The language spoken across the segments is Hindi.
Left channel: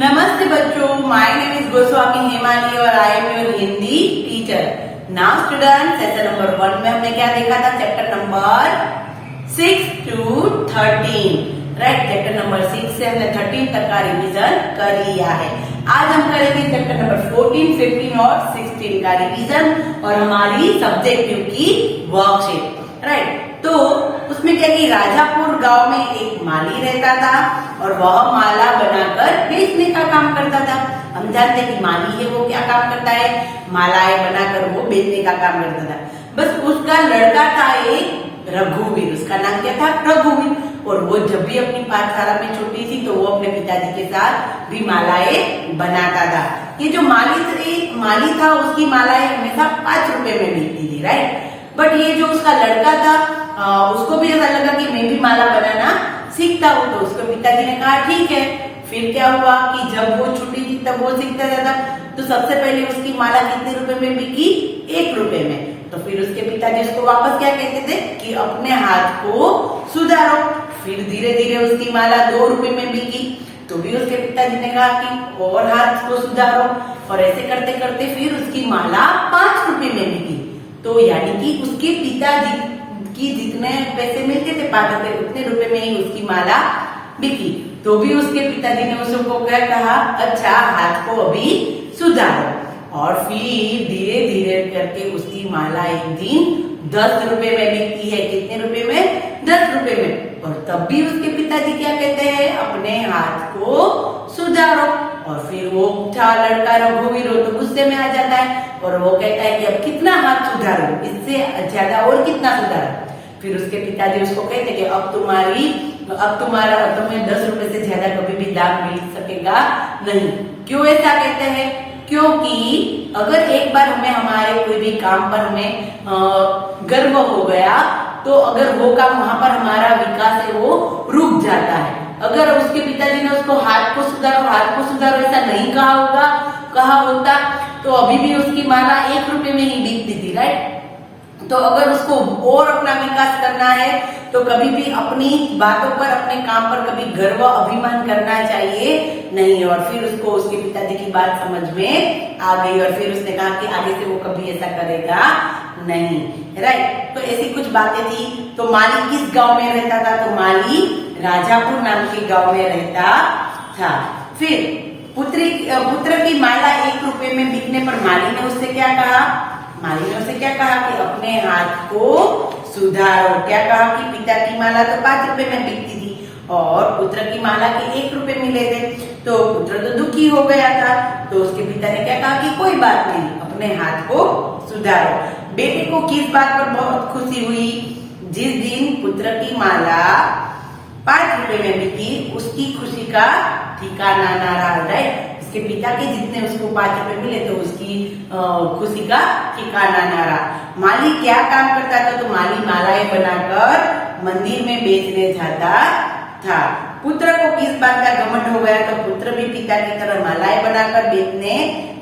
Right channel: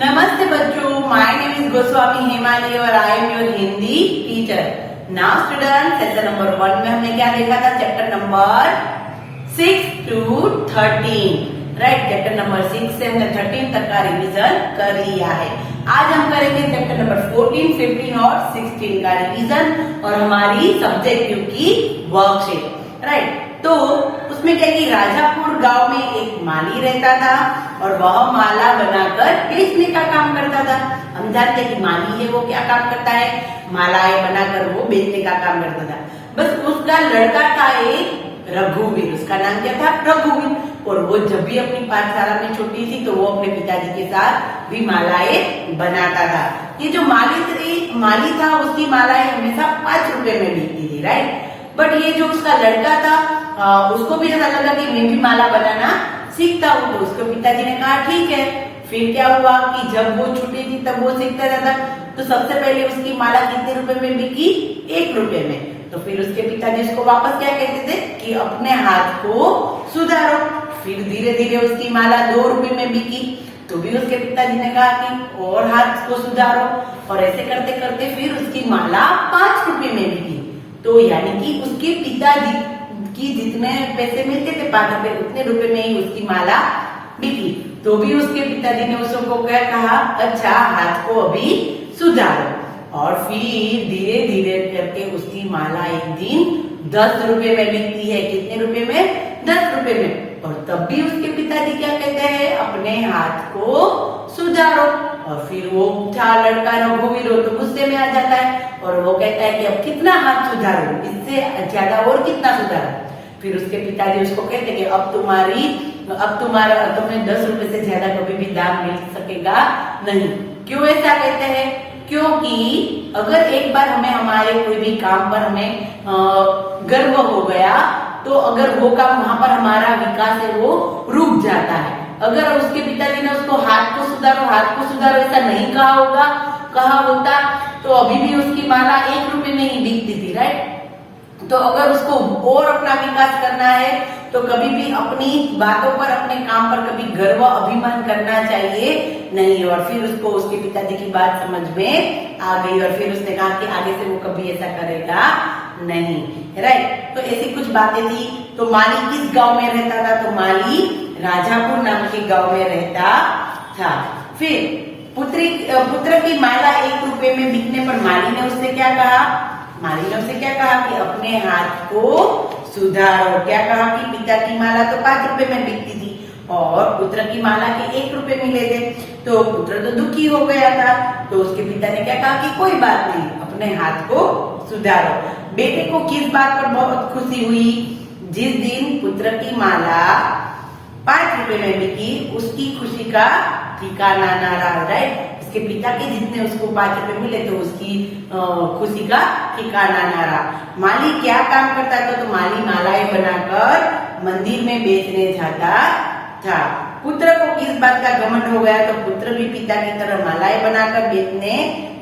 नमस्ते बच्चों, my name is Goswami Hemali और I am your Hindi teacher. Now student, session number 1 में हमने क्या देखा था? Chapter number 6 to 13, right. Chapter number 6 से हमने 13 तक का रिवीजन कर लिया है। आज हम करेंगे चैप्टर नंबर 14, 15 और 16 का रिवीजन और हमारी सब्जेक्टिव की वर्कशीट, राइट। तो उसमें क्या कि राजापुर गांव में एक माली रहता था और वह माला बनाकर बेचने का काम करता था। हम जानते हैं कि माली है वो क्या काम करता है? मालाएं बनाकर वो बेचने का काम करता था। बस उसका लड़का था एक रघुवीर, उसका नाम क्या था? रघुवीर। और वो जब भी अपनी पाठशाला में छोटी थी तो वो अपने पिताजी के साथ भी मालाएं बनाता था। ये जो माली था उसकी मालाएं हमेशा 5 रुपए में बिकती थी, राइट। बट ये जो उसका लड़का था उसको भी ऐसा लगा कि मैं भी माला बनाना सीखता हूँ, तो उसके पिताजी ने कहा ठीक है। फिर क्या हुआ कि जब वो छोटी थी तब वो सीखता था, तो सबसे पहले उसकी माला कितने रुपए में बिकी? 1 रुपए में। तो फिर उसके पिताजी उसको वापस क्या कहते थे कि अपने हाथ को सुधारो। फिर धीरे धीरे उसकी माला 2 रुपए में बिकी, तो भी उसके पिताजी ने कहा कि और हाथ को सुधारो। और ऐसे करते करते फिर उसकी माला 5 रुपए में बिकी। तो यानी कि उसके पिताजी की जितने पैसे मिलते थे 5 रुपए, उतने रुपए में ही उसकी माला बिकी। तो भी उसके पिताजी ने उसको क्या कहा? अच्छा, हाथ को अभी सुधारो। और फिर धीरे धीरे करके उसकी माला एक दिन 10 रुपए में बिकती है। कितने रुपए में? 10 रुपए में। और तब भी उसके पिताजी क्या कहते हैं? अपने हाथ को सुधारो। और फिर वो लड़का रघुवीर तो गुस्से में आ जाता है और वो कहता है कि अब कितना हाथ सुधारो, इससे ज्यादा और कितना सुधारो। फिर उसके पिताजी उसको कहते कि अब तुम्हें 10 रुपए से ज्यादा कभी भी दाम मिल सकेगा नहीं। क्यों ऐसा कहते हैं? क्योंकि अगर एक बार हमें हमारे कोई भी काम पर हमें गर्व हो गया तो अगर वो काम वहां पर हमारा विकास है वो रुक जाता है। अगर उसके पिताजी ने उसको हाथ को सुधारो ऐसा नहीं कहा होता तो अभी भी उसकी माला 1 रुपए में ही बिकती थी, राइट। तो अगर उसको और अपना विकास करना है तो कभी भी अपनी बातों पर, अपने काम पर कभी गर्व अभिमान करना चाहिए नहीं। और फिर उसको उसके पिताजी की बात समझ में आ गई और फिर उसने कहा कि आगे से वो कभी ऐसा करेगा नहीं, राइट। तो ऐसी कुछ बातें थी। तो माली किस गांव में रहता था? तो माली राजापुर नाम के गांव में रहता था। फिर पुत्र की माला 1 रुपए में बिकने पर माली ने उससे क्या कहा? माली ने उससे क्या कहा कि अपने हाथ को सुधारो। क्या कहा कि पिता की माला तो 5 रुपए में बिकती थी और पुत्र की माला के 1 रुपए मिले थे। तो पुत्र तो दुखी हो गया था, तो उसके पिता ने क्या कहा कि कोई बात नहीं, अपने हाथ को सुधारो। बेटे को किस बात पर बहुत खुशी हुई? जिस दिन पुत्र की माला 5 रुपए में बिकी, उसकी खुशी का ठिकाना ना रहा, राइट। उसके पिता के जितने उसको 5 रुपए मिले तो उसकी खुशी का ठिकाना ना रहा। माली क्या काम करता था? तो माली मालाएं बनाकर मंदिर में बेचने जाता था। पुत्र को किस बात का घमंड हो गया? तो पुत्र भी पिता की तरह मालाएं बनाकर बेचने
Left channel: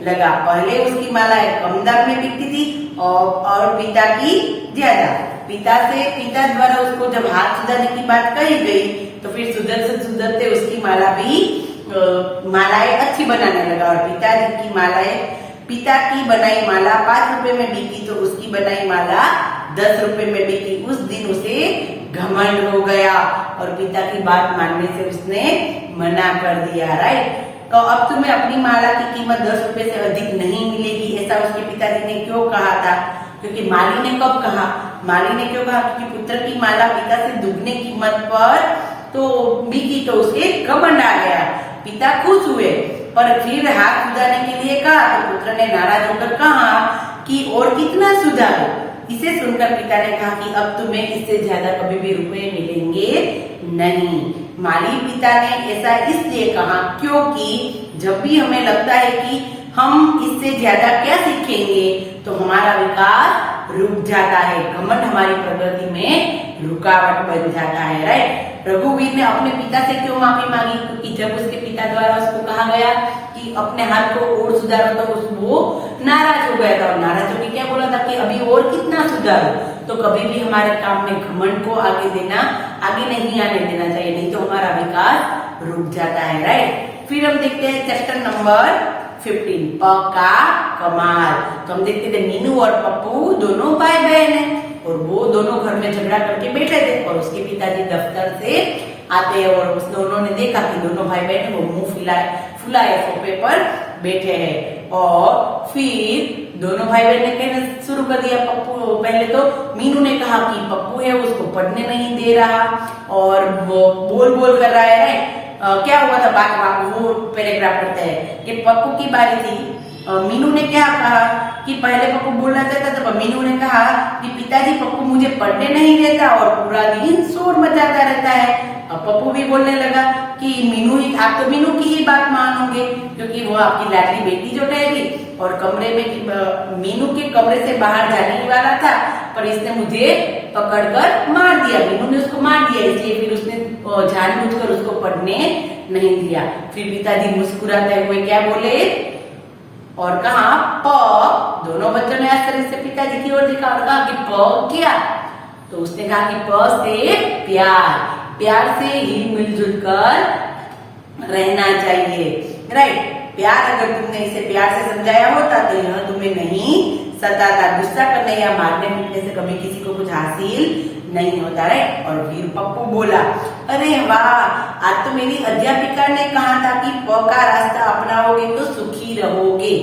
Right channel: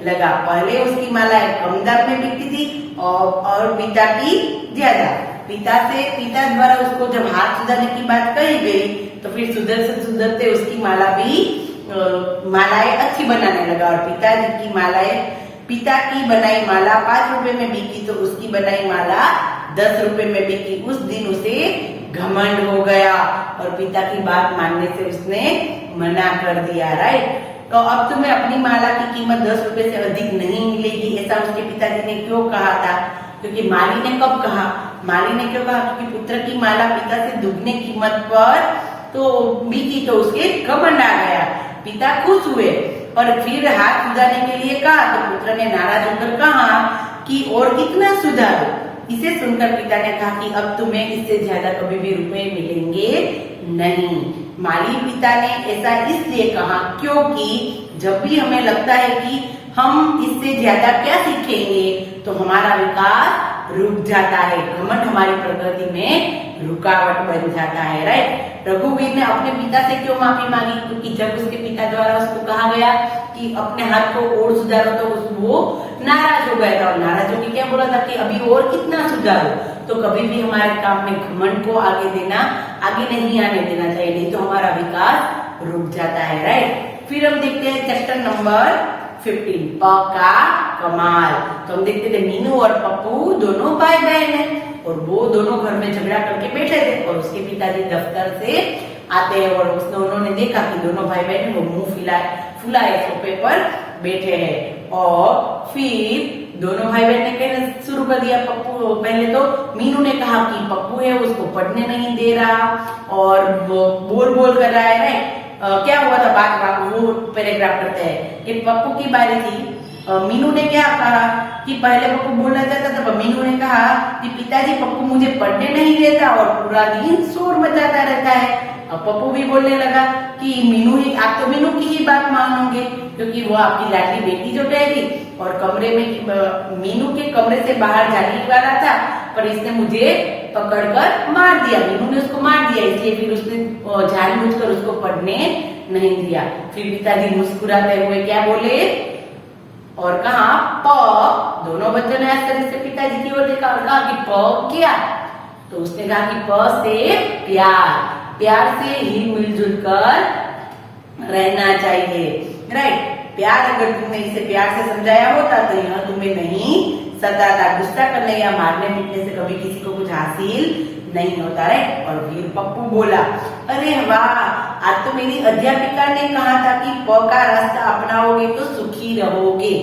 लगा। पहले उसकी मालाएं कम दाम में बिकती थी और पिता की ज्यादा। पिता द्वारा उसको जब हाथ सुधारने की बात कही गई तो फिर सुधरते उसकी मालाएं अच्छी बनाने लगा। और पिता की बनाई माला 5 रुपए में बिकी तो उसकी बनाई माला 10 रुपए में बिकी। उस दिन उसे घमंड हो गया और पिता की बात मानने से उसने मना कर दिया, राइट। तो अब तुम्हें अपनी माला की कीमत 10 रुपए से अधिक नहीं मिलेगी, ऐसा उसके पिताजी ने क्यों कहा था? क्योंकि माली ने कब कहा? माली ने क्यों कहा? क्योंकि पुत्र की माला पिता से दुगने कीमत पर तो बिकी तो उसे घमंड आ गया। पिता खुश हुए और फिर हाथ सुधारने के लिए कहा तो पुत्र ने नाराज होकर कहा कि और कितना सुधारो। इसे सुनकर पिता ने कहा कि अब तुम्हें इससे ज्यादा कभी भी रुपए मिलेंगे नहीं। माली पिता ने ऐसा इसलिए कहा क्योंकि जब भी हमें लगता है कि हम इससे ज्यादा क्या सीखेंगे तो हमारा विकास रुक जाता है, घमंड हमारी प्रगति में रुकावट बन जाता है, राइट। रघुवीर ने अपने पिता से क्यों माफी मांगी? क्योंकि जब उसके पिता द्वारा उसको कहा गया कि अपने हाथ को और सुधारो तो वो नाराज हो गया था और नाराज होकर क्या बोला था कि अभी और कितना सुधारो। तो कभी भी हमारे काम में घमंड को आगे नहीं आने देना चाहिए, नहीं तो हमारा विकास रुक जाता है, राइट। फिर हम देखते हैं चैप्टर नंबर 15 प का कमाल। तो हम देखते थे मीनू और पप्पू दोनों भाई बहन हैं और वो दोनों घर में झगड़ा करके बैठे थे और उसके पिताजी दफ्तर से आते हैं और उन्होंने देखा कि दोनों भाई बहन वो मुंह फुलाए सोफे पर बैठे हैं। और फिर दोनों भाई बहन ने कहना शुरू कर दिया। पप्पू पहले तो मीनू ने कहा कि पप्पू है उसको पढ़ने नहीं दे रहा और वो बोल कर रहा है। क्या हुआ था बात वो पैराग्राफ करते हैं कि पप्पू की बारी थी। मीनू ने क्या कहा कि पहले पप्पू बोलना चाहता था तो मीनू ने कहा कि पिताजी पप्पू मुझे पढ़ने नहीं देता और पूरा दिन शोर मचाता रहता है। अब पप्पू भी बोलने लगा कि मीनू ही आप तो मीनू की ही बात मानोगे क्योंकि वो आपकी लाडली बेटी जो रहेगी और कमरे में मीनू के कमरे से बाहर जाने वाला था पर इसने मुझे पकड़कर मार दिया। मीनू ने उसको मार दिया इसलिए फिर उसने जानबूझकर उसको पढ़ने नहीं दिया। फिर पिताजी मुस्कुराते हुए क्या बोले और कहा प। दोनों बच्चों ने आश्चर्य से पिताजी की ओर देखा और कहा कि प क्या? तो उसने कहा कि प से प्यार, प्यार से ही मिलजुल कर रहना चाहिए। राइट, प्यार अगर तुमने इसे प्यार से समझाया होता तो यह तुम्हें नहीं सताता। गुस्सा करने या मारने पीटने से कभी किसी को कुछ हासिल नहीं होता है। और फिर पप्पू बोला अरे वाह, आज तो मेरी अध्यापिका ने कहा था कि प का रास्ता अपनाओगे तो सुखी रहोगे।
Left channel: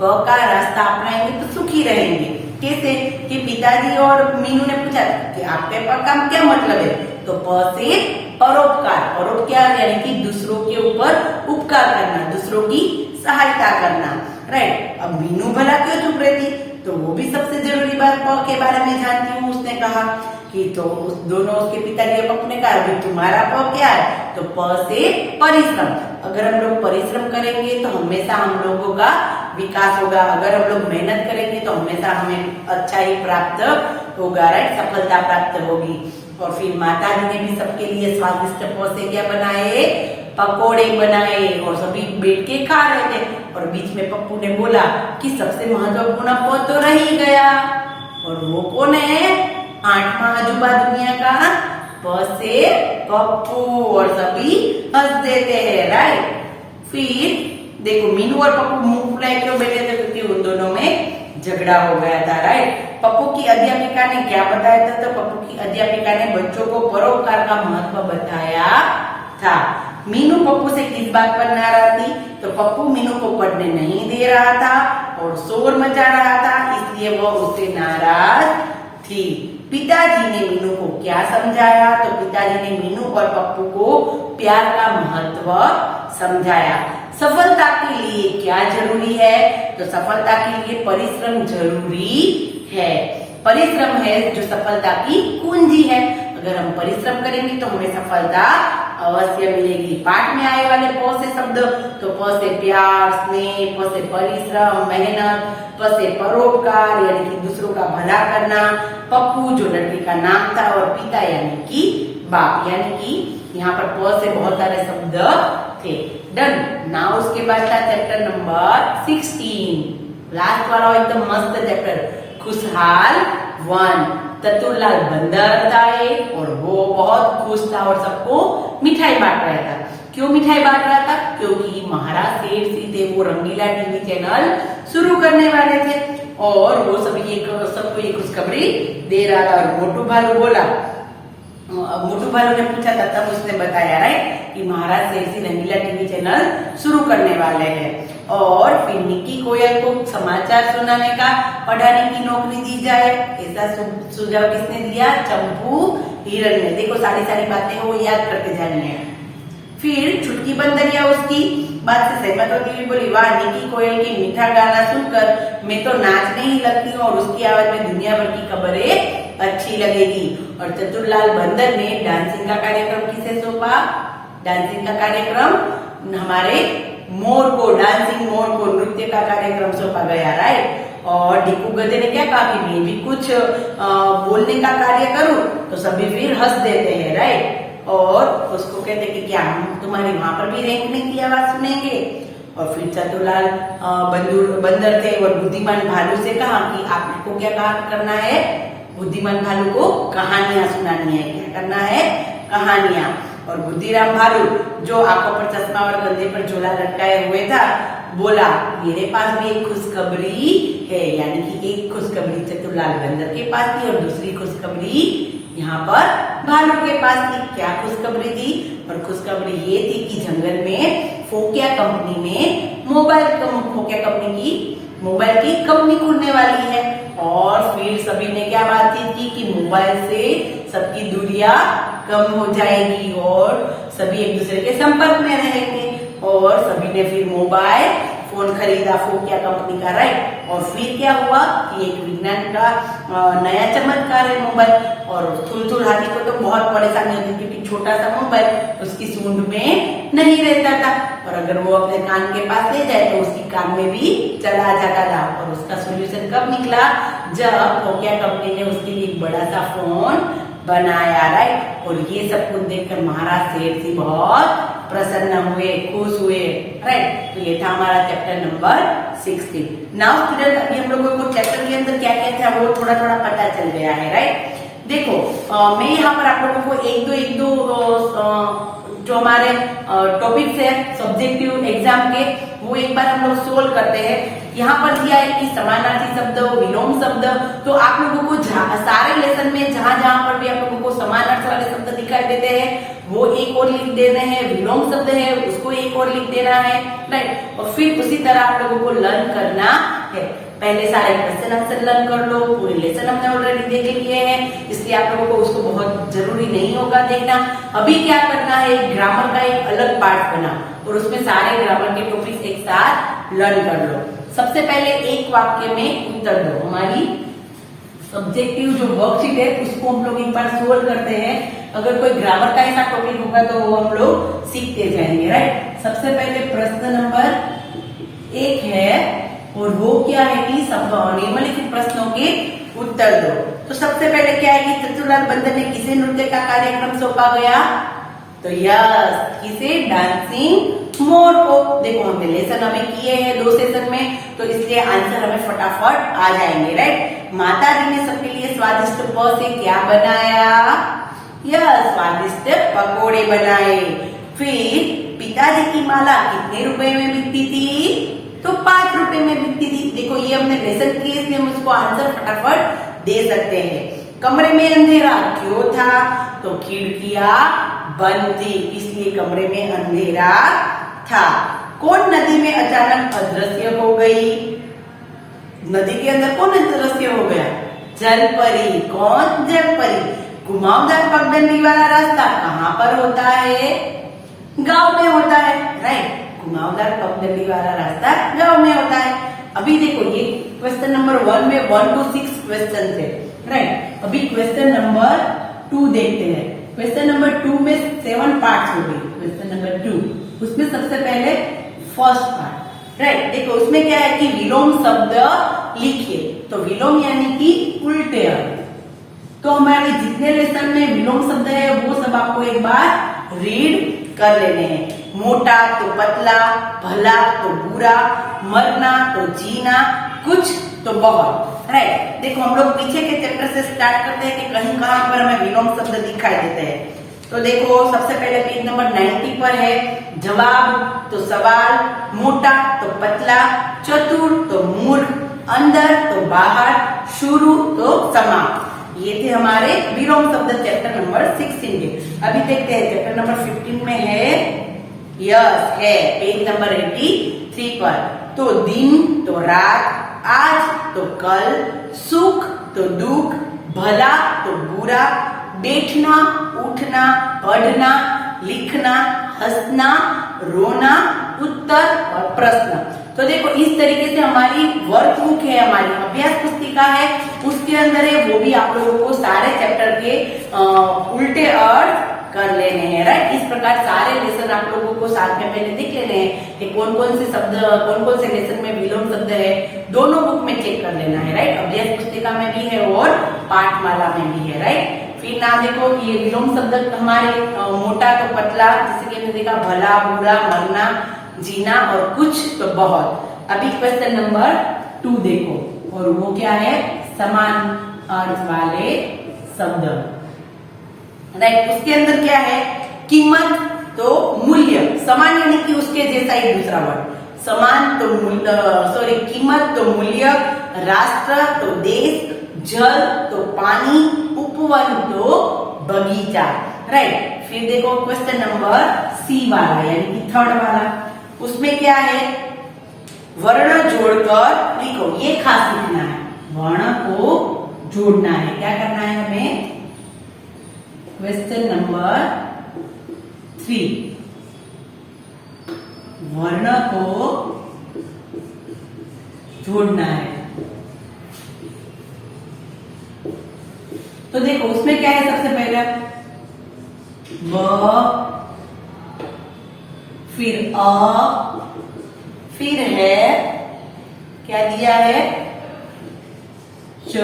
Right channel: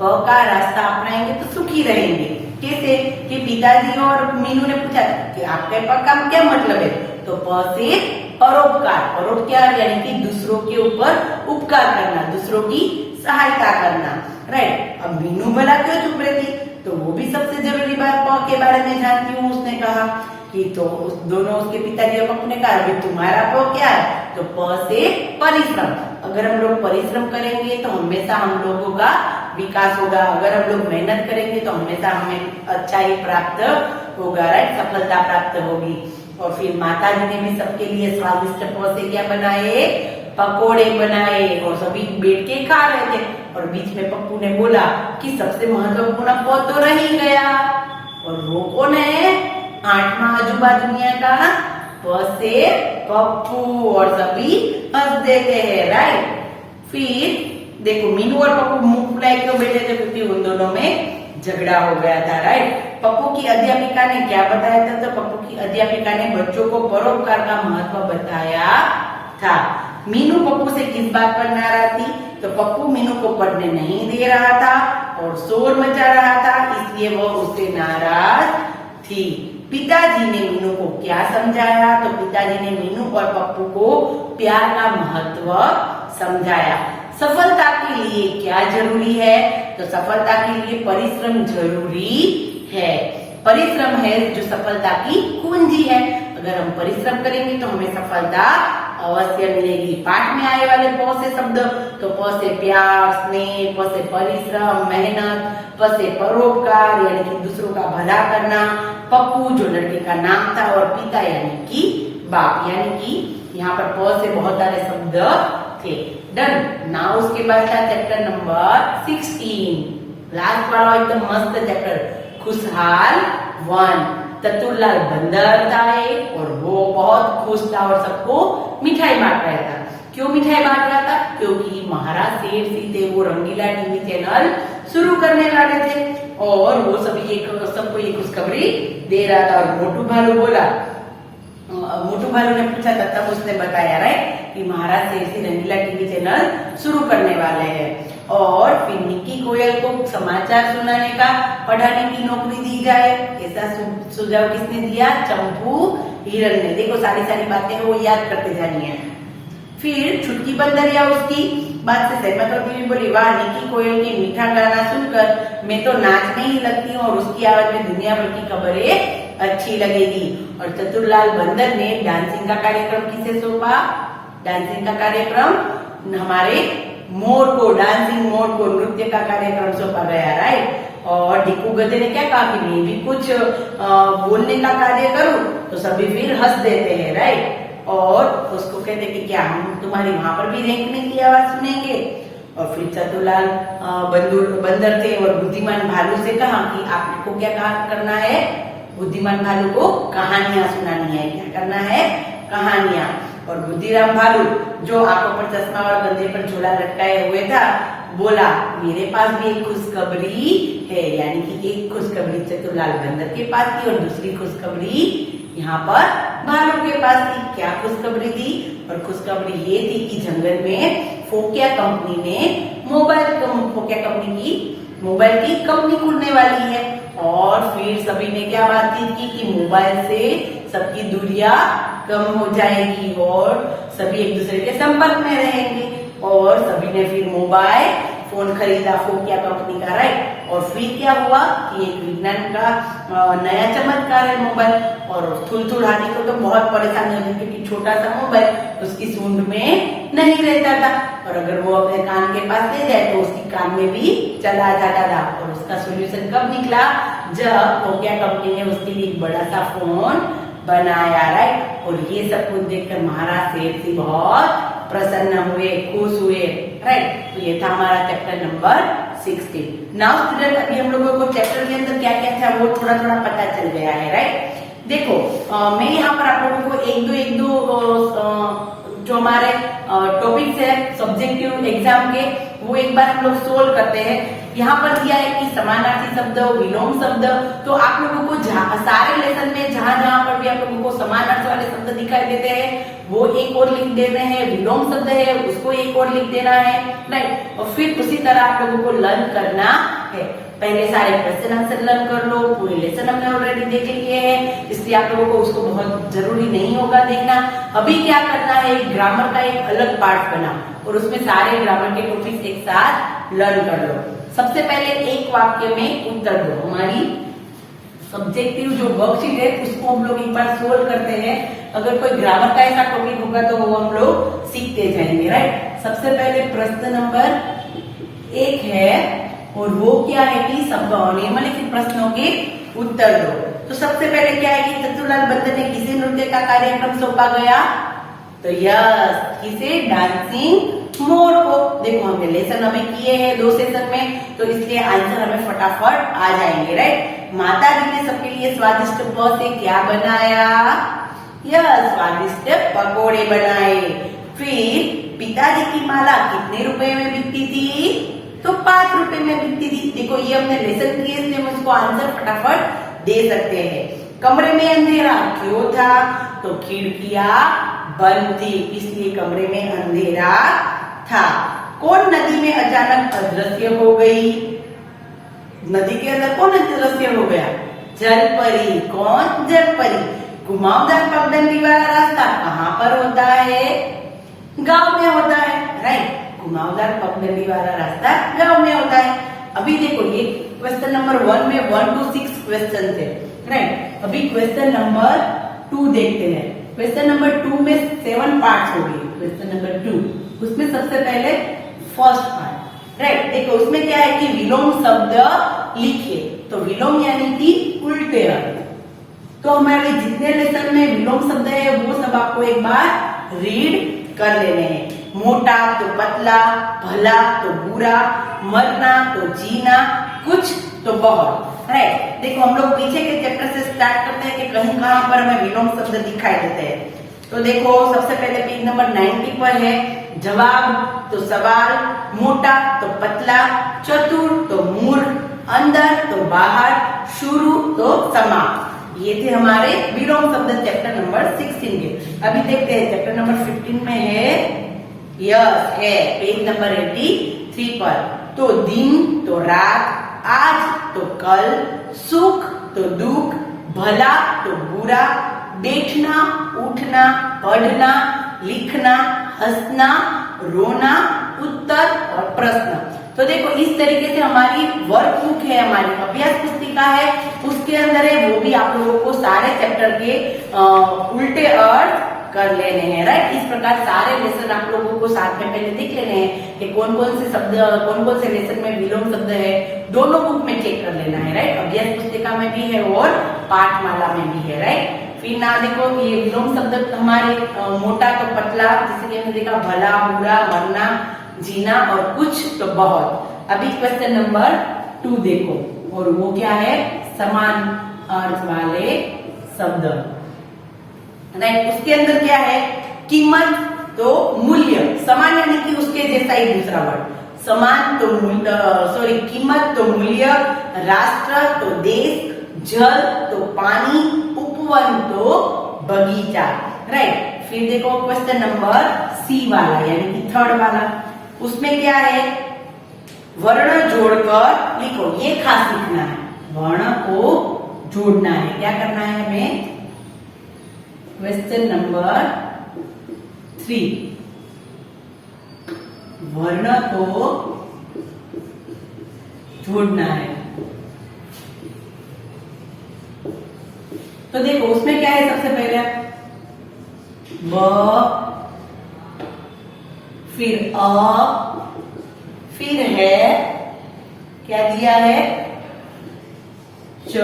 प का रास्ता अपनाएंगे तो सुखी रहेंगे। कैसे? कि पिताजी और मीनू ने पूछा कि आपके प का क्या मतलब है? तो प से परोपकार, परोपकार यानी कि दूसरों के ऊपर उपकार करना, दूसरों की सहायता करना। राइट, अब मीनू भला क्यों चुप रही थी? तो वो भी सबसे जरूरी बात प के बारे में जानती हूँ। उसने कहा कि तो दोनों उसके पिताजी और पप्पू ने कहा अभी तुम्हारा प क्या है? तो प से परिश्रम। अगर हम लोग परिश्रम करेंगे तो हमेशा हम लोगों का विकास होगा। अगर हम लोग मेहनत करेंगे तो हमेशा हमें अच्छा ही प्राप्त होगा। राइट, सफलता प्राप्त होगी। और फिर माता जी ने भी सबके लिए स्वादिष्ट प से क्या बनाए? पकोड़े बनाए और सभी बैठ के खा रहे थे। और बीच में पप्पू ने बोला कि सबसे महत्वपूर्ण प तो रह ही गया और वो कौन है? 8वां अजूबा दुनिया का प से पप्पू। और सभी हंस देते हैं। राइट, फिर देखो मीनू और पप्पू मुंह फुलाए क्यों बैठे थे? क्योंकि उन दोनों में झगड़ा हो गया था। राइट, पप्पू की अध्यापिका ने क्या बताया था? तो पप्पू की अध्यापिका ने बच्चों को परोपकार का महत्व बताया था। मीनू पप्पू से किस बात पर नाराज थी? तो पप्पू मीनू को पढ़ने नहीं दे रहा था और शोर मचा रहा था, इसलिए वो उससे नाराज थी। पिताजी ने मीनू को क्या समझाया? तो पिताजी ने मीनू और पप्पू को प्यार का महत्व समझाया। सफलता के लिए क्या जरूरी है? तो सफलता के लिए परिश्रम जरूरी है। परिश्रम है जो सफलता की कुंजी है। अगर हम परिश्रम करेंगे तो हमें सफलता अवश्य मिलेगी। पाठ में आए वाले प से शब्द तो प से प्यार, स्नेह, प से परिश्रम, मेहनत, प से परोपकार यानी कि दूसरों का भला करना, पप्पू जो लड़के का नाम था और पिता यानी कि बाप, यानी कि यहाँ पर प से बहुत सारे शब्द थे। डन। नाउ उसके बाद था चैप्टर नंबर 16, लास्ट वाला एकदम मस्त चैप्टर, खुशहाल 1। चतुरलाल बंदर था और वो बहुत खुश था और सबको मिठाई बांट रहा था। क्यों मिठाई बांट रहा था? क्योंकि महाराज शेर सिंह थे, वो रंगीला टीवी चैनल शुरू करने वाले थे और वो सबको ये खुशखबरी दे रहा था। और मोटू भालू बोला, मोटू भालू ने पूछा था तब उसने बताया राइट कि महाराज शेर सिंह रंगीला टीवी चैनल शुरू करने वाले हैं। और फिर निकी कोयल को समाचार सुनाने का, पढ़ाने की नौकरी दी जाए, ऐसा सुझाव किसने दिया? चंपू हिरन ने। देखो सारी बातें वो याद करते जानी है। फिर छुटकी बंदरिया उसकी बात से सहमत होती हुई बोली, वाह, निकी कोयल की मीठा गाना सुनकर मैं तो नाचने ही लगती हूँ और उसकी आवाज में दुनिया भर की खबरें अच्छी लगेगी। और चतुरलाल बंदर ने डांसिंग का कार्यक्रम किसे सौंपा? डांसिंग का कार्यक्रम हमारे मोर को, डांसिंग मोर को नृत्य का कार्यक्रम सौंपा गया। राइट। और ढिक्कू गधे ने क्या कहा कि मैं भी कुछ बोलने का कार्य करूं, तो सभी फिर हंस देते हैं। राइट। और उसको कहते कि क्या हम तुम्हारी वहां पर भी रेंकने की आवाज सुनेंगे? और फिर चतुरलाल बंदर थे और बुद्धिमान भालू से कहा कि आपको क्या करना है? बुद्धिमान भालू को कहानियां सुनानी है। क्या करना है? कहानियां। और बुद्धिराम भालू जो आंखों पर चश्मा और गंदे पर झोला लटकाए हुए था बोला मेरे पास भी एक खुशखबरी है, यानी कि एक खुशखबरी चतुरलाल बंदर के पास थी और दूसरी खुशखबरी यहाँ पर भालू के पास थी। क्या खुशखबरी थी? और खुशखबरी ये थी कि जंगल में फोकिया कंपनी ने फोकिया कंपनी की मोबाइल की कंपनी खुलने वाली है। और फिर सभी ने क्या बातचीत की कि मोबाइल से सबकी दूरियां कम हो जाएगी और सभी एक दूसरे के संपर्क में रहेंगे। और सभी ने फिर मोबाइल फोन खरीदा फोकिया कंपनी का, राइट। और फिर क्या हुआ कि एक विज्ञान का नया चमत्कार है मोबाइल। और थुलथुल हाथी को तो बहुत परेशानी होती थी क्योंकि छोटा सा मोबाइल उसकी सूंड में नहीं रहता था, और अगर वो अपने कान के पास ले जाए तो उसकी कान में भी चला जाता था। और उसका सोल्यूशन कब निकला? जब फोकिया कंपनी ने उसके लिए एक बड़ा सा फोन बनाया, राइट। और ये सब कुछ देखकर महाराज शेर सिंह बहुत प्रसन्न हुए, खुश हुए, राइट। तो ये था हमारा चैप्टर नंबर 16। नाउ स्टूडेंट, अभी हम लोगों को चैप्टर के अंदर क्या क्या था वो थोड़ा थोड़ा पता चल गया है, राइट। देखो मैं यहाँ पर आप लोगों को एक दो जो हमारे टॉपिक्स है सब्जेक्टिव एग्जाम के वो एक बार हम लोग सोल्व करते हैं। यहाँ पर दिया है कि समानार्थी शब्द, विलोम शब्द, तो आप लोगों को सारे लेसन में जहां जहां पर भी आप लोगों को समानार्थी वाले शब्द दिखाई देते हैं वो एक और लिख देने हैं, विलोम शब्द है उसको एक और लिख देना है, राइट। और फिर उसी तरह आप लोगों को लर्न करना है। पहले सारे क्वेश्चन आंसर लर्न कर लो, पूरे लेसन हमने ऑलरेडी देख लिए हैं, इसलिए आप लोगों को उसको बहुत जरूरी नहीं होगा देखना। अभी क्या करना है, ग्रामर का एक अलग पार्ट बना और उसमें सारे ग्रामर के टॉपिक्स एक साथ लर्न कर लो। सबसे पहले एक वाक्य में उत्तर दो। हमारी सब्जेक्टिव जो वर्कशीट है उसको हम लोग एक बार सोल्व करते हैं। अगर कोई ग्रामर का ऐसा टॉपिक होगा तो वो हम लोग सीखते जाएंगे, राइट। सबसे पहले प्रश्न नंबर 1 है और वो क्या है कि सब निम्नलिखित प्रश्नों के उत्तर दो। तो सबसे पहले क्या है कि चतुरलाल बंदर ने किसे नृत्य का कार्यक्रम सौंपा गया? तो यस, किसे? डांसिंग मोर को। देखो हमने लेसन हमें किए हैं 2 सेशन में, तो इसलिए आंसर हमें फटाफट आ जाएंगे, राइट। माता जी ने सबके लिए स्वादिष्ट प से क्या बनाया? यस, स्वादिष्ट पकोड़े बनाए। फिर पिताजी की माला कितने रुपए में बिकती थी? तो 5 रुपए में बिकती थी। देखो ये हमने लेसन किए इसलिए हम उसको आंसर फटाफट दे सकते हैं। कमरे में अंधेरा क्यों था? तो खिड़कियां बंद थी इसलिए कमरे में अंधेरा था। कौन नदी में अचानक अदृश्य हो गई? नदी के अंदर कौन अदृश्य हो गया? जल परी। कौन? जल परी। घुमावदार पगडंडी वाला रास्ता कहाँ पर होता है? गांव में होता है, राइट। घुमावदार पगडंडी वाला रास्ता गांव में होता है। अभी देखो ये क्वेश्चन नंबर 1 में 1 to 6 क्वेश्चन थे, राइट। अभी क्वेश्चन नंबर 2 देखते हैं। क्वेश्चन नंबर 2 में 7 पार्ट्स हो गए। क्वेश्चन नंबर 2 उसमें सबसे पहले फर्स्ट पार्ट, राइट। देखो उसमें क्या है कि विलोम शब्द लिखिए। तो विलोम यानी कि उल्टे अर्थ। तो हमारे जितने लेसन में विलोम शब्द है वो सब आपको एक बार रीड कर लेने हैं। मोटा तो पतला, भला तो बुरा, मरना तो जीना, कुछ तो बहुत, राइट। देखो हम लोग पीछे के चैप्टर से स्टार्ट करते हैं कि कहीं कहां पर हमें विलोम शब्द दिखाई देते हैं। तो देखो सबसे पहले पेज नंबर 90 पर है जवाब तो सवाल, मोटा तो पतला, चतुर तो मूर्ख, अंदर तो बाहर, शुरू तो समाप्त। ये थे हमारे विलोम शब्द चैप्टर नंबर 16 के। अभी देखते हैं चैप्टर नंबर 15 में है, यस है पेज नंबर 83 पर। तो दिन तो रात, आज तो कल, सुख तो दुख, भला तो बुरा, बैठना, उठना, पढ़ना, लिखना, हंसना, रोना, उत्तर और प्रश्न। तो देखो इस तरीके से हमारी वर्कबुक है, हमारी अभ्यास पुस्तिका है, उसके अंदर है वो भी आप लोगों को सारे चैप्टर के उल्टे अर्थ कर लेने हैं, राइट। इस प्रकार सारे लेसन आप लोगों को साथ में पहले देख लेने हैं कि कौन कौन से शब्द, कौन कौन से लेसन में विलोम शब्द है, दोनों बुक में चेक कर लेना है, राइट। अभ्यास पुस्तिका में भी है और पाठमाला में भी है, राइट। फिर ना देखो कि ये विलोम शब्द हमारे मोटा तो पतला, जिसके हमने देखा भला, बुरा, मरना, जीना और कुछ तो बहुत। अभी क्वेश्चन नंबर 2 देखो और वो क्या है? समान अर्थ वाले शब्द, राइट। उसके अंदर क्या है? कीमत तो मूल्य, समान यानी कि उसके जैसा ही दूसरा वर्ड, समान तो मूल्य, सॉरी कीमत तो मूल्य, राष्ट्र तो देश, जल तो पानी, उपवन तो बगीचा। राइट। फिर देखो क्वेश्चन नंबर सी वाला यानी कि थर्ड वाला, उसमें क्या है, वर्ण जोड़कर लिखो, ये खास लिखना है, वर्ण को जोड़ना है। क्या करना है हमें, क्वेश्चन नंबर 3, वर्ण को जोड़ना है। तो देखो उसमें क्या है, सबसे पहले ब, फिर अ, फिर है क्या दिया है, च,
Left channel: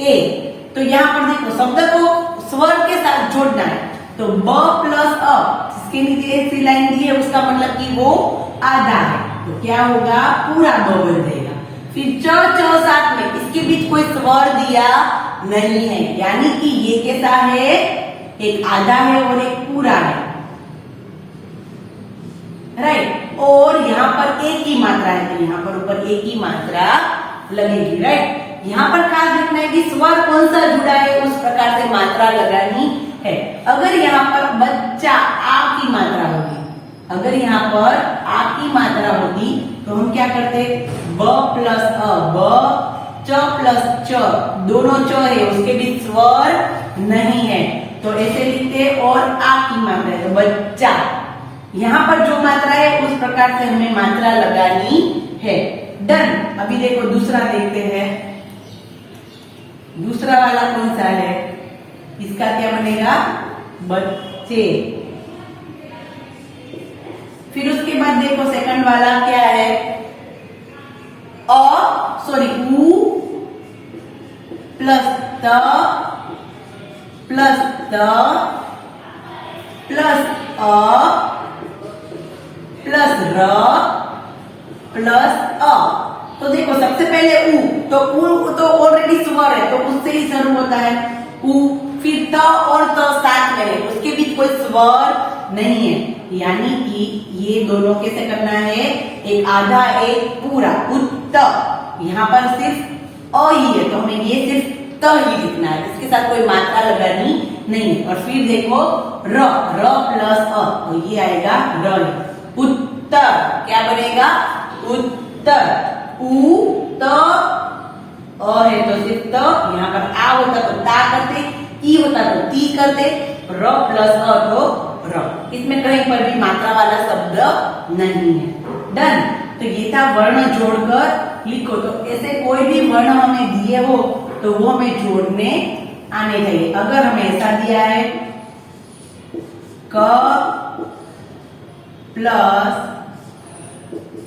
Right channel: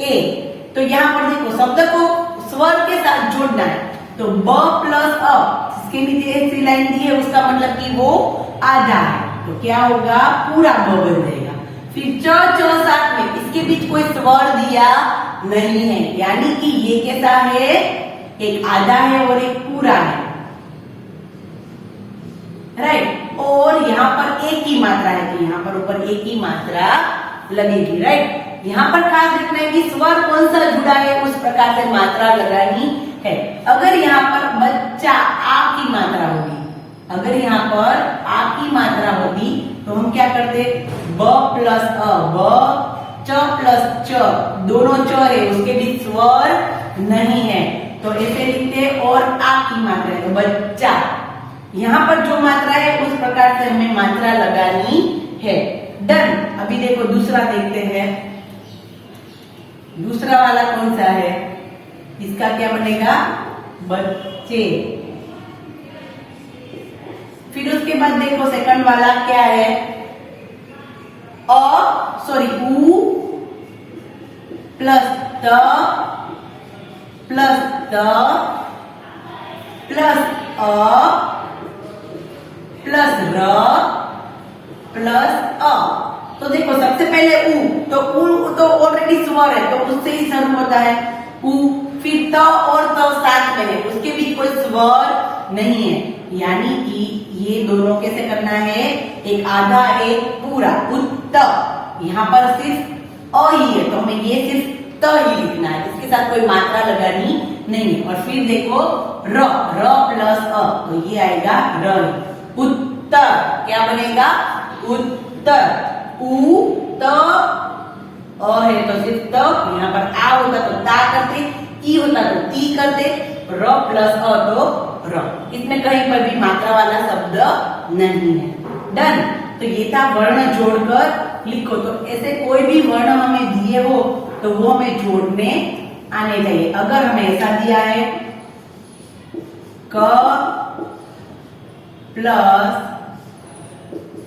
ए। तो यहां पर देखो शब्द को स्वर के साथ जोड़ना है। तो ब प्लस अ, इसके नीचे ऐसी लाइन दी है, उसका मतलब कि वो आधा है, तो क्या होगा, पूरा ब बन जाएगा। फिर च साथ में, इसके बीच कोई स्वर दिया नहीं है, यानी कि ये कैसा है, एक आधा है और एक पूरा है। राइट। और यहाँ पर एक ही मात्रा है, तो यहाँ पर ऊपर एक ही मात्रा लगेगी। राइट। यहाँ पर खास देखना है कि स्वर कौन सा जुड़ा है, उस प्रकार से मात्रा लगानी है। अगर यहाँ पर बच्चा आ की मात्रा होगी, अगर यहाँ पर आ की मात्रा होगी तो हम क्या करते, ब प्लस अ, ब, च प्लस च, दोनों च है, उसके बीच स्वर नहीं है, तो ऐसे लिखते, और आ की मात्रा है तो बच्चा। यहाँ पर जो मात्रा है उस प्रकार से हमें मात्रा लगानी है। डन। अभी देखो दूसरा देखते हैं, दूसरा वाला कौन सा है, इसका क्या बनेगा, बच्चे। फिर उसके बाद देखो सेकंड वाला क्या है, उ प्लस त प्लस द प्लस अ प्लस र प्लस अ। तो देखो सबसे पहले उ, तो उ तो ऑलरेडी स्वर है, तो उससे ही शुरू होता है उ। फिर त और त साथ में है, उसके बीच कोई स्वर नहीं है, यानी कि ये दोनों कैसे करना है, एक आधा एक पूरा, उत्त। यहाँ पर सिर्फ अ ही है, तो हमें ये सिर्फ त ही लिखना है, इसके साथ कोई मात्रा लगानी नहीं। और फिर देखो र, र प्लस अ, तो ये आएगा र, उत्तर। क्या बनेगा, उत्तर। उ त अ है तो सिर्फ त, यहाँ पर आ होता तो ता करते, ई होता तो ती करते, र प्लस अ तो र। इसमें कहीं पर भी मात्रा वाला शब्द नहीं है। डन। तो ये था वर्ण जोड़कर लिखो। तो ऐसे कोई भी वर्ण हमें दिए हो तो वो हमें जोड़ने आने चाहिए। अगर हमें ऐसा दिया है, क प्लस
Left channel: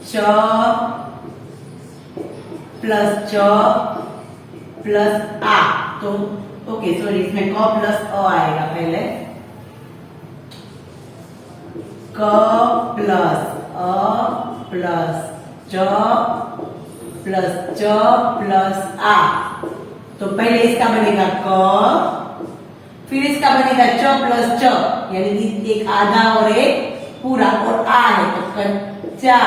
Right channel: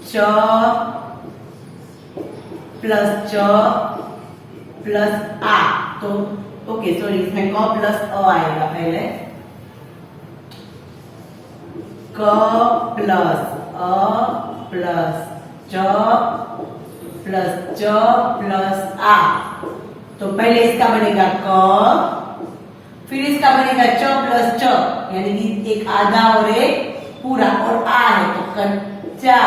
च प्लस च प्लस आ, तो ओके सॉरी, इसमें क प्लस अ आएगा पहले, क प्लस अ प्लस च प्लस च प्लस आ। तो पहले इसका बनेगा क, फिर इसका बनेगा च प्लस च, यानी कि एक आधा और एक पूरा, और आ है तो कच्चा।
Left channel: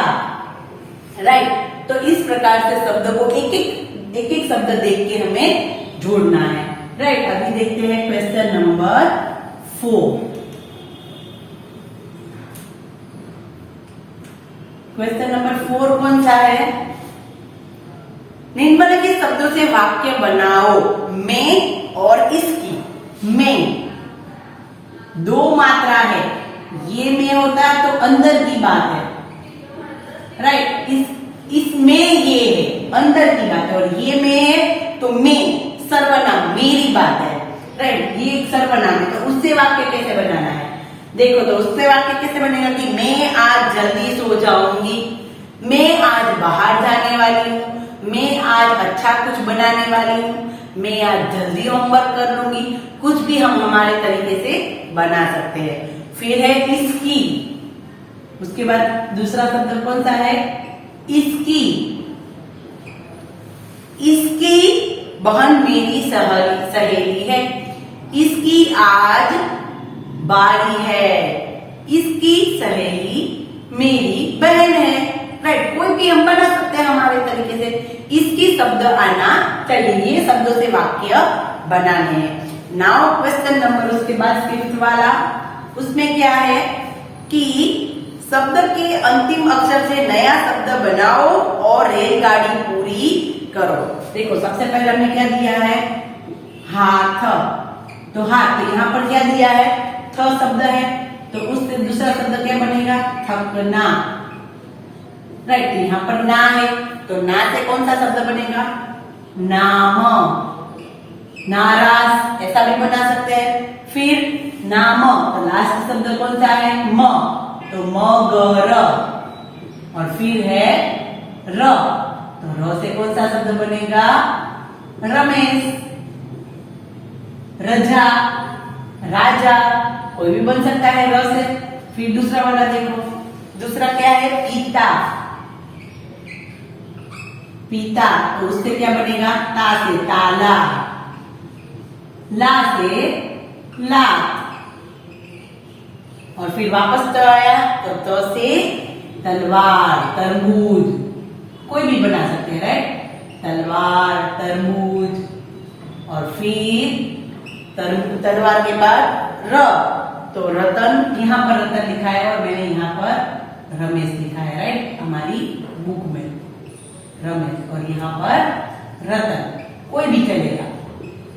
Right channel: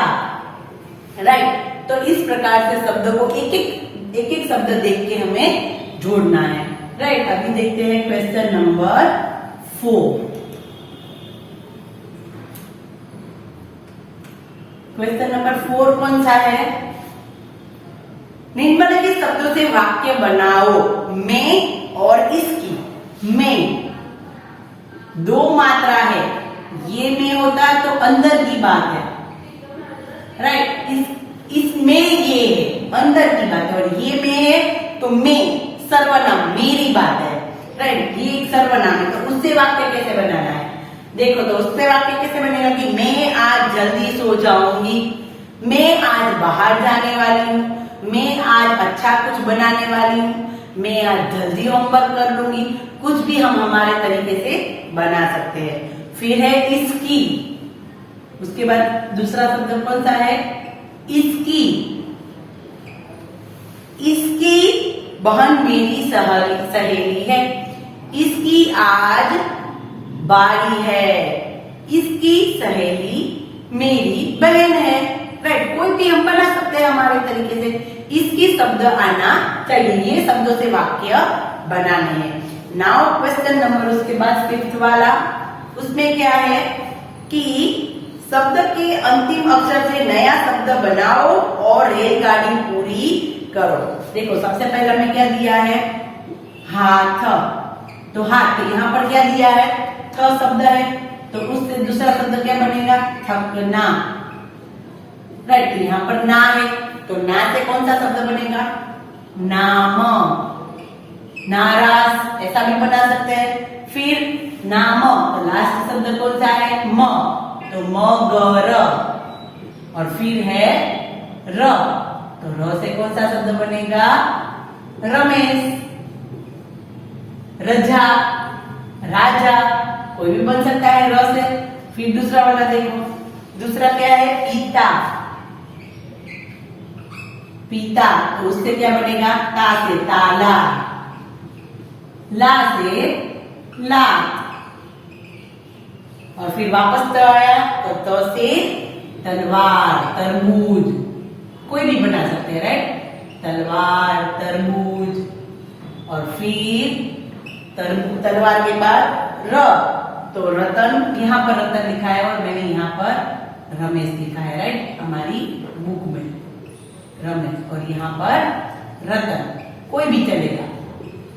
राइट। तो इस प्रकार से शब्द को एक एक शब्द देख के हमें जोड़ना है। राइट। अभी देखते हैं क्वेश्चन नंबर 4। क्वेश्चन नंबर 4 कौन सा है, निम्नलिखित शब्दों से वाक्य बनाओ। मैं और इसकी, मैं दो मात्रा है, ये में होता है तो अंदर की बात है। राइट। इसमें ये है, अंदर की बात है, और ये में है तो मैं सर्वनाम, मेरी बात है। राइट। ये एक सर्वनाम है, तो उससे वाक्य कैसे बनाना है, देखो। तो उससे वाक्य कैसे बनेगा कि मैं आज जल्दी सो जाऊंगी, मैं आज बाहर जाने वाली हूँ, मैं आज अच्छा कुछ बनाने वाली हूँ, मैं आज जल्दी होमवर्क कर लूंगी। कुछ भी हम हमारे तरीके से बना सकते हैं। फिर है इसकी, उसके बाद दूसरा शब्द कौन सा है, इसकी। इसकी बहन मेरी सहेली है, इसकी आज बारी है, इसकी सहेली मेरी बहन है। राइट, कोई भी हम बना सकते हैं हमारे तरीके से। इसकी शब्द आना चाहिए, ये शब्दों से वाक्य बनाने हैं। नाउ क्वेश्चन नंबर उसके बाद 5th वाला, उसमें क्या है कि शब्द के अंतिम अक्षर से नया शब्द बनाओ और रेलगाड़ी पूरी करो। देखो सबसे पहले हमने क्या दिया है, हाथ, तो हाथ, तो यहाँ पर क्या दिया है, थ शब्द है, तो उससे दूसरा शब्द क्या बनेगा, थकना। राइट, तो यहाँ पर ना है, तो ना से कौन सा शब्द बनेगा, नाम, नाराज, ऐसा भी बना सकते हैं। फिर नाम, तो लास्ट शब्द कौन सा है, म, तो मगर, और फिर है र, तो र से कौन सा शब्द बनेगा, रमेश। रजा, राजा, कोई भी बन सकता है र से। फिर दूसरा वाला देखो, दूसरा क्या है, पिता, पिता, तो उससे क्या बनेगा, ता से ताला, ला से लात, और फिर वापस त आया तो त से तलवार, तरबूज, कोई भी बना सकते हैं। राइट, तलवार, तरबूज, और फिर तलवार के बाद र, तो रतन, यहाँ पर रतन लिखा है और मैंने यहाँ पर रमेश लिखा है। राइट, हमारी बुक में रमेश, और यहाँ पर रतन, कोई भी चलेगा।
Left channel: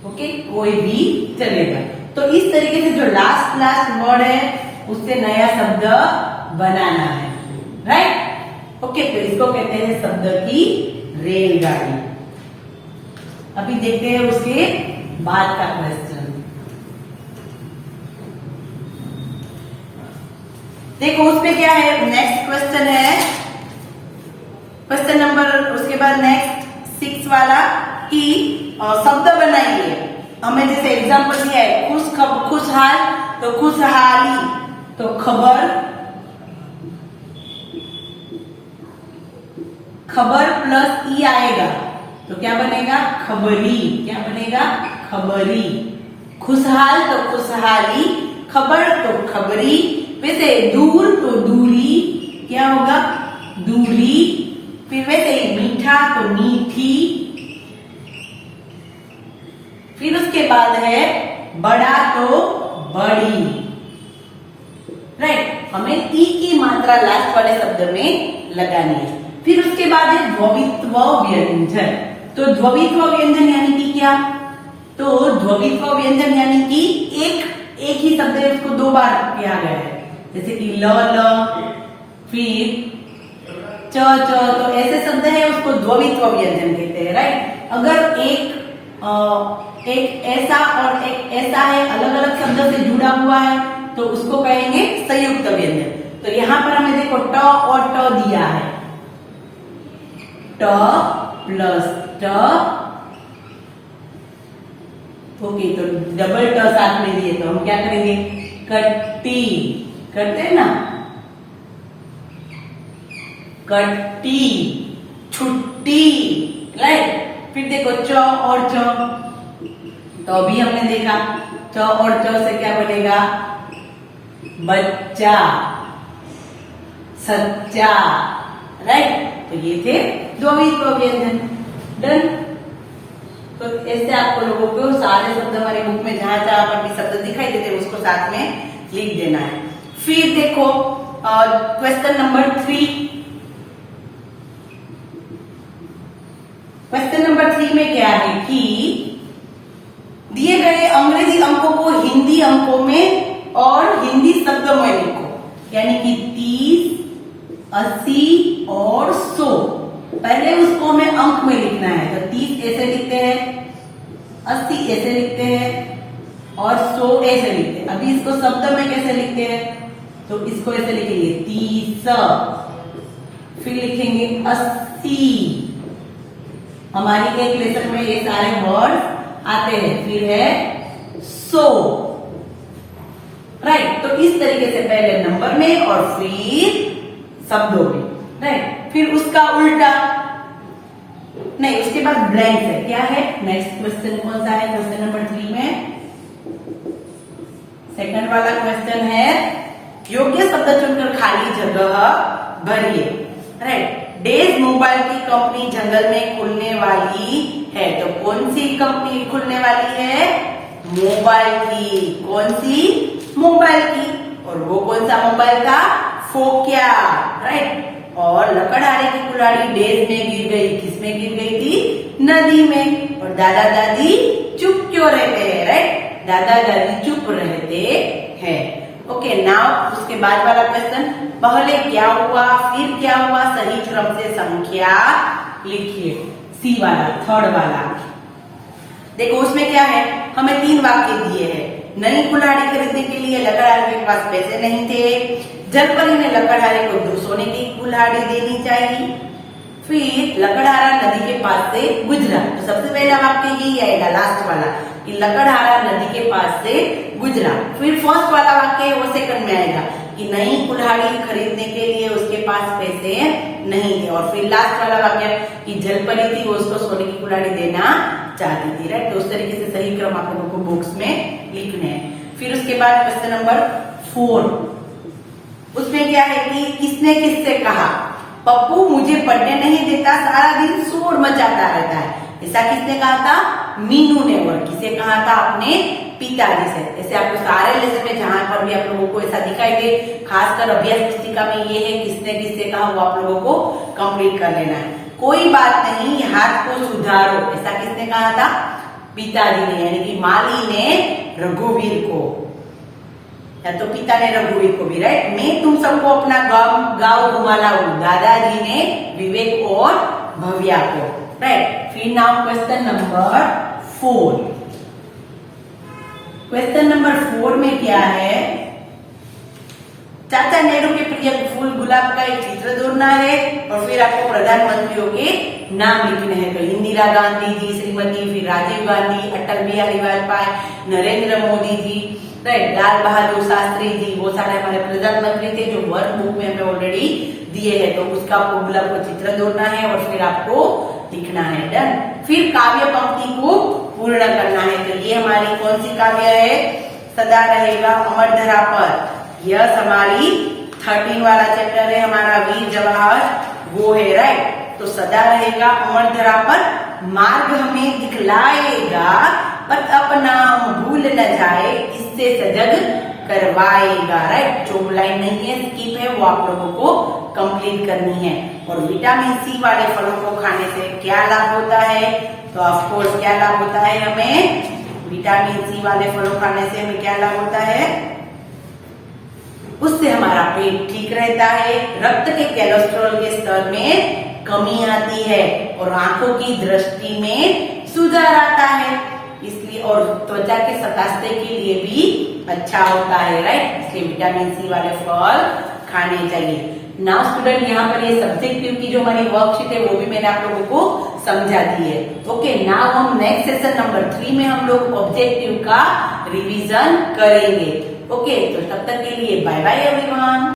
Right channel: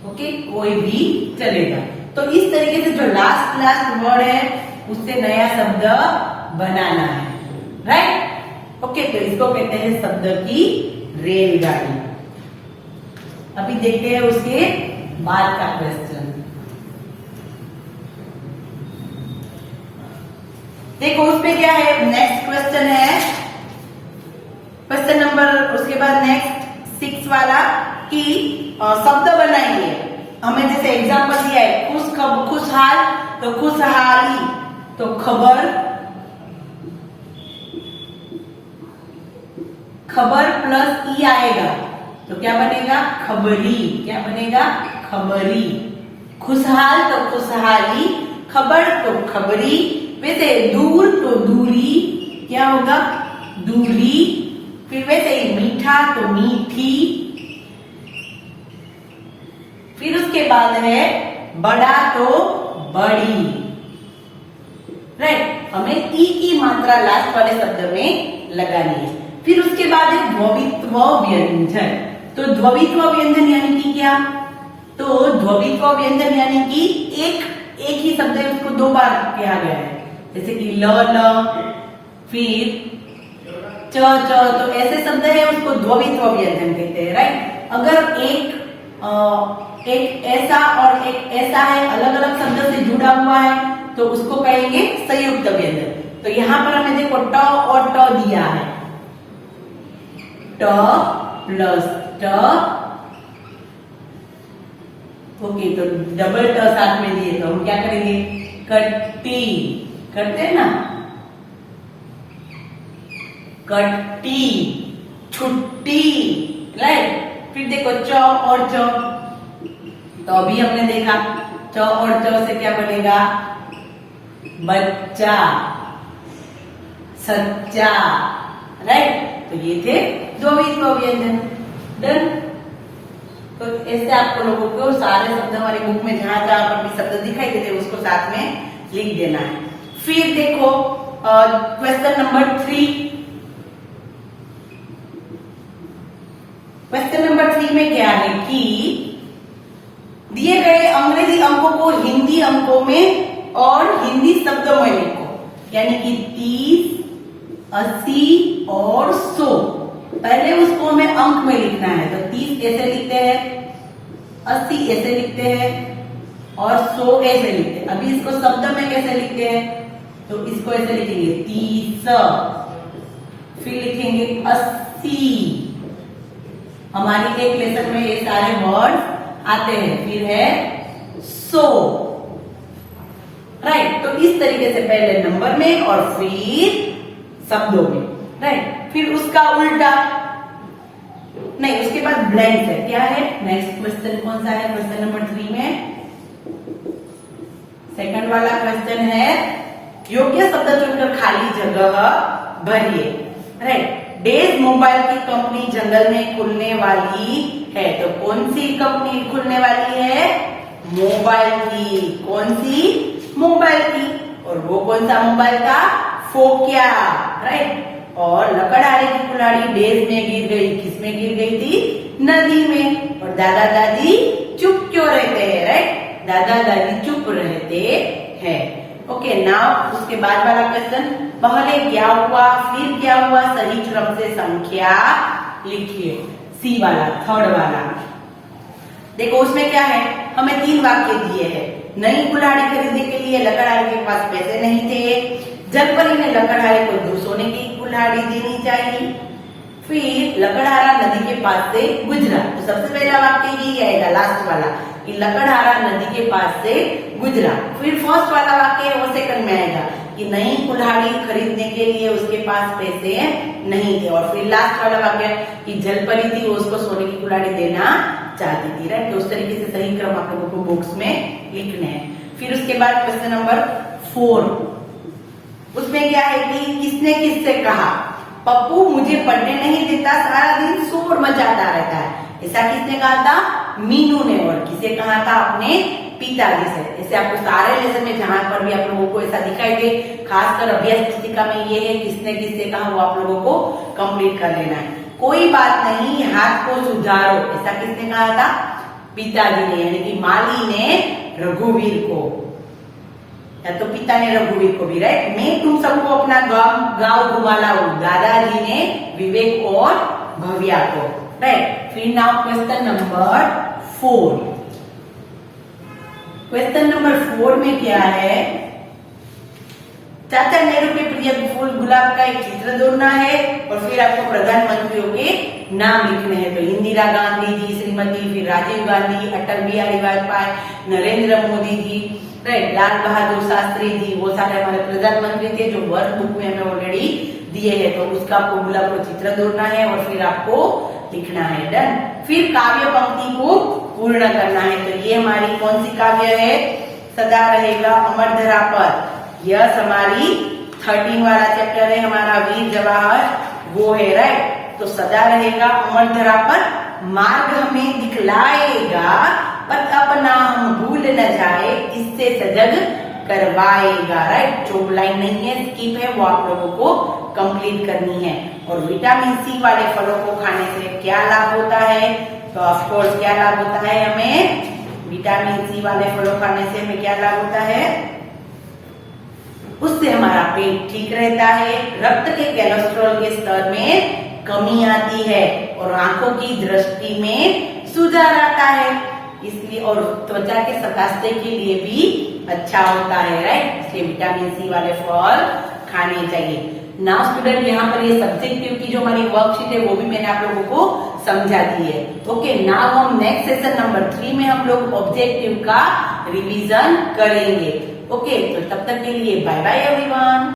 ओके, कोई भी चलेगा। तो इस तरीके से जो लास्ट वर्ड है उससे नया शब्द बनाना है। राइट, ओके, तो इसको कहते हैं शब्द की रेलगाड़ी। अभी देखते हैं उसके बाद का क्वेश्चन। देखो उसमें क्या है, नेक्स्ट क्वेश्चन है, क्वेश्चन नंबर उसके बाद नेक्स्ट 6 वाला, कि शब्द बनाइए। हमें जैसे एग्जाम्पल दिया है, खुशहाल, तो खुशहाली, तो खबर, खबर प्लस ई आएगा तो क्या बनेगा, खबरी, क्या बनेगा, खबरी। खुशहाल तो खुशहाली, खबर तो खबरी। वैसे दूर तो दूरी, क्या होगा, दूरी। फिर वैसे मीठा तो मीठी। फिर उसके बाद है बड़ा तो बड़ी। राइट, हमें ई की मात्रा लास्ट वाले शब्द में लगानी है। फिर उसके बाद है द्ववित्व व्यंजन। तो द्ववित्व व्यंजन यानी कि क्या, तो द्ववित्व व्यंजन यानी कि एक ही शब्द है, उसको 2 बार किया गया है। जैसे कि ल, फिर च, तो ऐसे शब्द है उसको द्ववित्व व्यंजन कहते हैं। राइट, अगर एक ऐसा और एक ऐसा है, अलग अलग शब्द से जुड़ा हुआ है, तो उसको कहेंगे संयुक्त व्यंजन। तो यहाँ पर हमें देखो ट और ट दिया है, ट प्लस ट, ओके, तो डबल ट साथ में दिए, तो हम क्या करेंगे, कट्टी, करते हैं ना, कट्टी, छुट्टी। राइट, फिर देखो च और च, तो अभी हमने देखा च और च से क्या बनेगा, बच्चा, सच्चा। राइट, तो ये थे द्ववित्व व्यंजन। डन। तो ऐसे आपको लोगों को सारे शब्द हमारे बुक में जहां जहां पर भी शब्द दिखाई देते हैं उसको साथ में लिख देना है। फिर देखो क्वेश्चन नंबर 3। क्वेश्चन नंबर 3 में क्या है कि दिए गए अंग्रेजी अंकों को हिंदी अंकों में और हिंदी शब्दों में लिखो, यानी कि 30, 80 और 100। पहले उसको हमें अंक में लिखना है, तो 30 ऐसे लिखते हैं, 80 ऐसे लिखते हैं और 100 ऐसे लिखते हैं। अभी इसको शब्द में कैसे लिखते हैं, तो इसको ऐसे लिखेंगे 30, फिर लिखेंगे 80। हमारी एक लेसन में ये सारे वर्ड आते हैं। फिर है 100। राइट, तो इस तरीके से पहले नंबर में और फिर शब्दों में। राइट, फिर उसका उल्टा नहीं, उसके बाद ब्लैंक है। क्या है नेक्स्ट क्वेश्चन, कौन सा है क्वेश्चन नंबर 3 में, थर्ड वाला क्वेश्चन है, योग्य शब्द चुनकर खाली जगह भरिए। राइट, डेज मोबाइल की कंपनी जंगल में खुलने वाली है, तो कौन सी कंपनी खुलने वाली है? मोबाइल की। कौन सी? मोबाइल की। और वो कौन सा मोबाइल था? फोकिया। राइट, और लकड़हारे की कुल्हाड़ी डेज में गिर गई, किसमें गिर गई थी? नदी में। और दादा दादी चुप क्यों रहते हैं? राइट, दादा दादी चुप रहते हैं। ओके, नाउ उसके बाद वाला क्वेश्चन, पहले क्या हुआ फिर क्या हुआ, सही क्रम से संख्या लिखिए। सी वाला, थर्ड वाला। देखो उसमें क्या है, हमें 3 वाक्य दिए हैं। नई कुल्हाड़ी खरीदने के लिए लकड़हारे के पास पैसे नहीं थे, जलपरी ने लकड़हारे को सोने की कुल्हाड़ी देनी चाहिए, फिर लकड़हारा नदी के पास से गुजरा। तो सबसे पहला वाक्य यही आएगा, लास्ट वाला, कि लकड़हारा नदी के पास से गुजरा। फिर फर्स्ट वाला वाक्य वो सेकंड में आएगा कि नई कुल्हाड़ी खरीदने के लिए उसके पास पैसे नहीं थे। और फिर लास्ट वाला वाक्य कि जलपरी थी, वो उसको सोने की कुल्हाड़ी देना चाहती थी। राइट, तो उस तरीके से सही क्रम आप लोगों को बुक्स में लिखने हैं। फिर उसके बाद क्वेश्चन नंबर 4, उसमें क्या है कि किसने किससे कहा? पप्पू मुझे पढ़ने नहीं देता, सारा दिन शोर मचाता रहता है। ऐसा किसने कहा था? मीनू ने। और किसे कहा था? अपने पिताजी से। ऐसे आपको सारे लेसन में जहां पर भी आप लोगों को ऐसा दिखाई दे, खासकर अभ्यास पुस्तिका में ये है किसने किससे कहा, वो आप लोगों को कंप्लीट कर लेना है। कोई बात नहीं, हाथ को सुधारो, ऐसा किसने कहा था? पिताजी ने, यानी कि माली ने रघुवीर को, या तो पिता ने रघुवीर को भी। राइट, मैं तुम सबको अपना गांव घुमा लाऊं, दादाजी ने विवेक और भव्या को। राइट, फिर now question number 4। Question number 4 में क्या है? चाचा नेहरू के प्रिय फूल गुलाब का एक चित्र जोड़ना है और फिर आपको प्रधानमंत्रियों के नाम लिखने हैं। तो इंदिरा गांधी जी, श्रीमती, फिर राजीव गांधी, अटल बिहारी वाजपेयी, नरेंद्र मोदी जी, राइट, लाल बहादुर शास्त्री जी, वो सारे हमारे प्रधानमंत्री थे जो वर्क बुक में हमें ऑलरेडी दिए हैं। तो उसका आपको गुलाब को चित्र जोड़ना है और फिर आपको लिखना है। डन। फिर काव्य पंक्ति को पूर्ण करना है। तो ये हमारी कौन सी काव्य है? सदा रहेगा अमर धरा पर। यह हमारी 13 वाला चैप्टर है हमारा, वीर जवाहर, वो है। राइट, तो सदा रहेगा अमर धरा पर, मार्ग हमें दिखलाएगा, पर अपना हम भूल न जाए, इससे सजग करवाएगा। राइट, जो लाइन नहीं है, स्किप है, वो आप लोगों को कंप्लीट करनी है। और विटामिन सी वाले फलों को खाने से क्या लाभ होता है? तो ऑफकोर्स क्या लाभ होता है हमें? विटामिन सी वाले फलों खाने से हमें क्या लाभ होता है? उससे हमारा पेट ठीक रहता है, रक्त के कोलेस्ट्रॉल के स्तर में कमी आती है और आंखों की दृष्टि में सुधार आता है, इसलिए और त्वचा के स्वास्थ्य के लिए भी अच्छा होता है। राइट, इसलिए विटामिन सी वाले फल खाने चाहिए। नाउ स्टूडेंट, यहाँ पर ये सब्जेक्टिव की जो हमारी वर्कशीट है वो भी मैंने आप लोगों को समझा दी है। ओके, नाउ हम नेक्स्ट सेशन नंबर 3 में हम लोग ऑब्जेक्टिव का रिवीजन करेंगे। ओके, तो तब तक के लिए बाय बाय एवरीवन।